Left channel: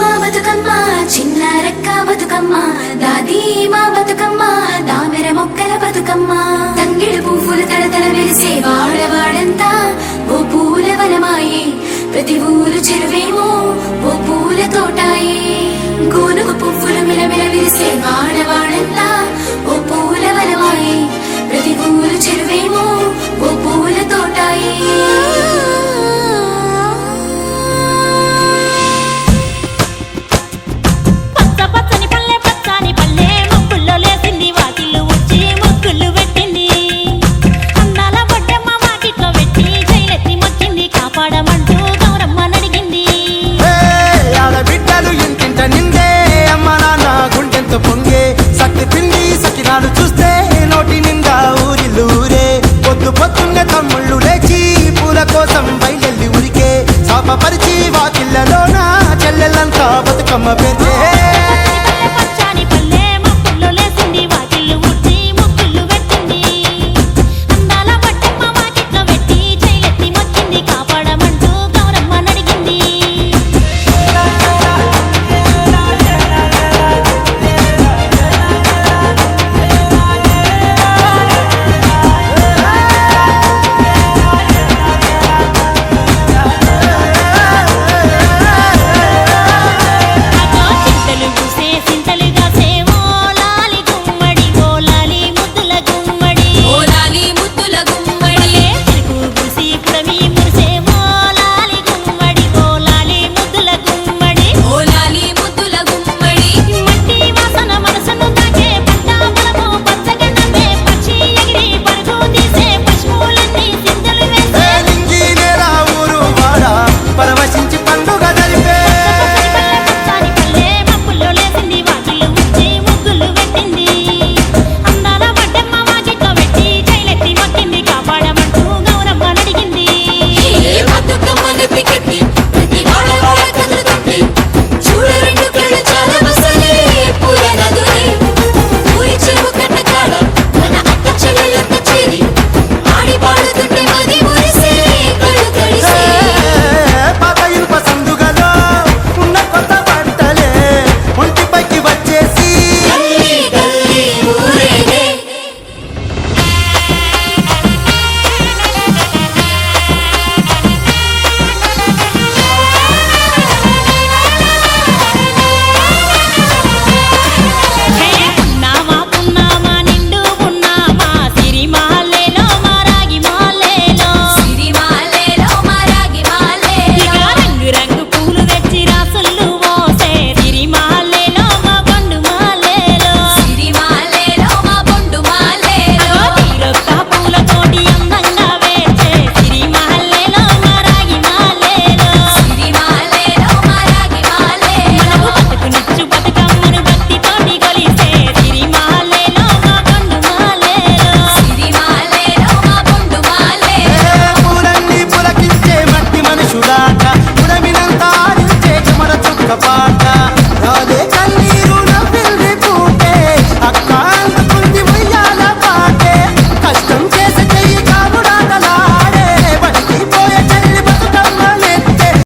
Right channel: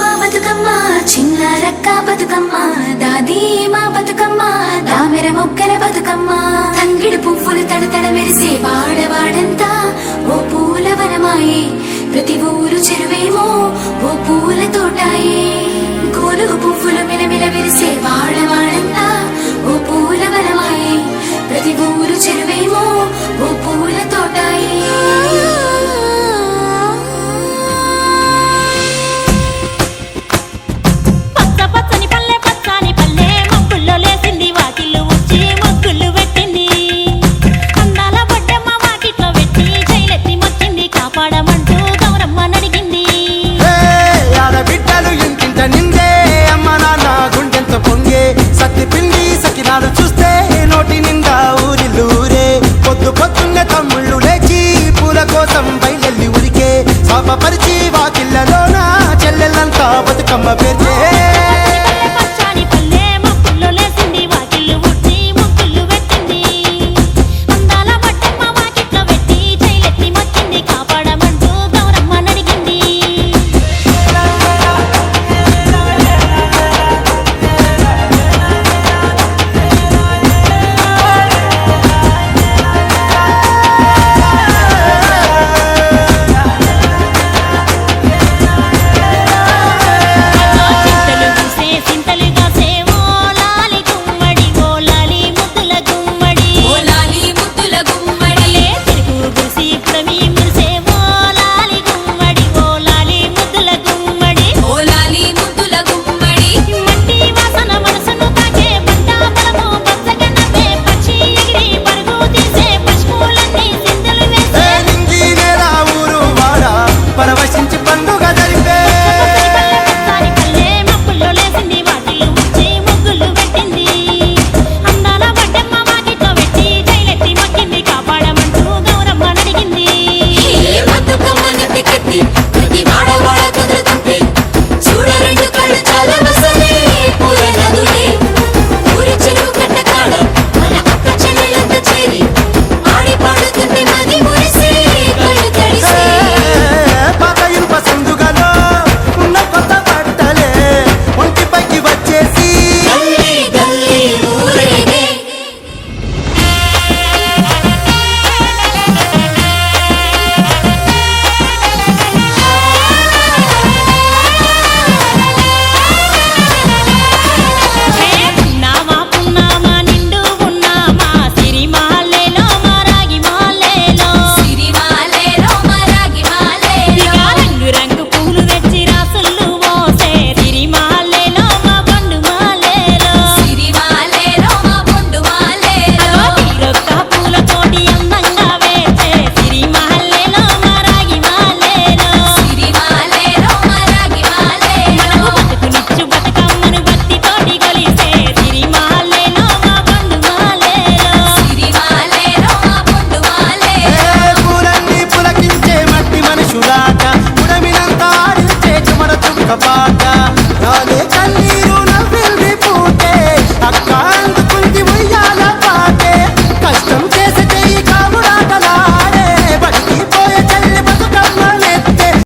మా బతుకమ్మ చిన్న రక్క బతుకమ్మ దాది మా బతుకమ్మ దామెర మొక్కల బతుకమ్మ తంగిడు పువ్వులు తడతడ మెరిసే వాడవాడంతా ఓ పూల వనమాయే ప్రతి ఊరు చెరువేమో ఓ పూల తోటాయే గోనుగు పువ్వులు మెలమెల మెరిసే వాడవాడంతా ఓ పూల వనమాయే ప్రతి ఊరు చెరువేమో ఓ పూల తోటాయే కాపాడమంటూ గౌరమ్మ నడిగింది. ఆడబిడ్డలు ఇంటింట నిందే అమ్మ నాన్న గుండెంత పొంగే సత్తి పిండి సకినాలు చూస్తే నోటి నిండా ఊరిల్లూరే పొద్దు పొద్దున్నే తమ్ముళ్ళు లేచి పూల కోసం బయలెల్లి ఉరికే శాపపరిచి వాకిళ్ళలోన చెల్లెళ్ళంతా బతుకమ్మ పేర్చే పచ్చాని పల్లె మప్పుల్లో లేసింది వాకిళ్ళు ఉడ్చి ముగ్గుళ్ళు పెట్టింది. అందాల బట్టమ్మ వాకిట్లో పెట్టి చైలెత్తి మొక్కింది కాపాడమంటూ గౌరమ్మ నడిగింది. చింతలు పూసే సింతలుగా సేవో లాలి గుమ్మడి ఓ లాలి ముద్దుల గుమ్మడి భలే చిరుకు గురిసి పుడమి మురిసే ఓ లాలి గుమ్మడి ఓ లాలి ముద్దుల గుమ్మడి మట్టి వాసన మనసును తాకే పంట బలము పచ్చగా నవ్వే పక్షి ఎగిరి పరుగు తీసే పశువులన్నీ సింధులు వేసే నింగి నేల ఊరు వాడ పరవశించి పండుగ జరిపే పచ్చని పల్లె మప్పుల్లో లేసింది వాకిళ్ళు ఉడ్చి ముగ్గులు పెట్టింది. అందాల బడ్డమ్మ వాకిట్లో పెట్టి చైలెత్తి మొక్కింది కాపాడమంటూ గౌరమ్మ నడిగింది. పాత ఇనుప సందుగలో ఉన్న కొత్త బట్టలే ఒంటిపైకి వచ్చేసి హే పున్నామా పున్నామా నిండు పున్నామా సిరి మాలేలో మా రాగి మాలేలో ఇక రంగు రంగు పూలు తెచ్చి రాసుళ్ళు పోసే సిరి మాలేలో మా బండు మాలేలో అగో తీరొక్క పూలతోటి అందంగా వేసే సిరి మాలేలో మా రాగి మాలేలో మనకు బతుకునిచ్చు బతుకమ్మను భక్తితోటి కొలిసే సిరి మాలేలో మా బండు మాలేలో పూలన్నీ పులకించే మట్టి మనుషులాట ఉడమినంత ఆడించే చెమర చుక్క పాట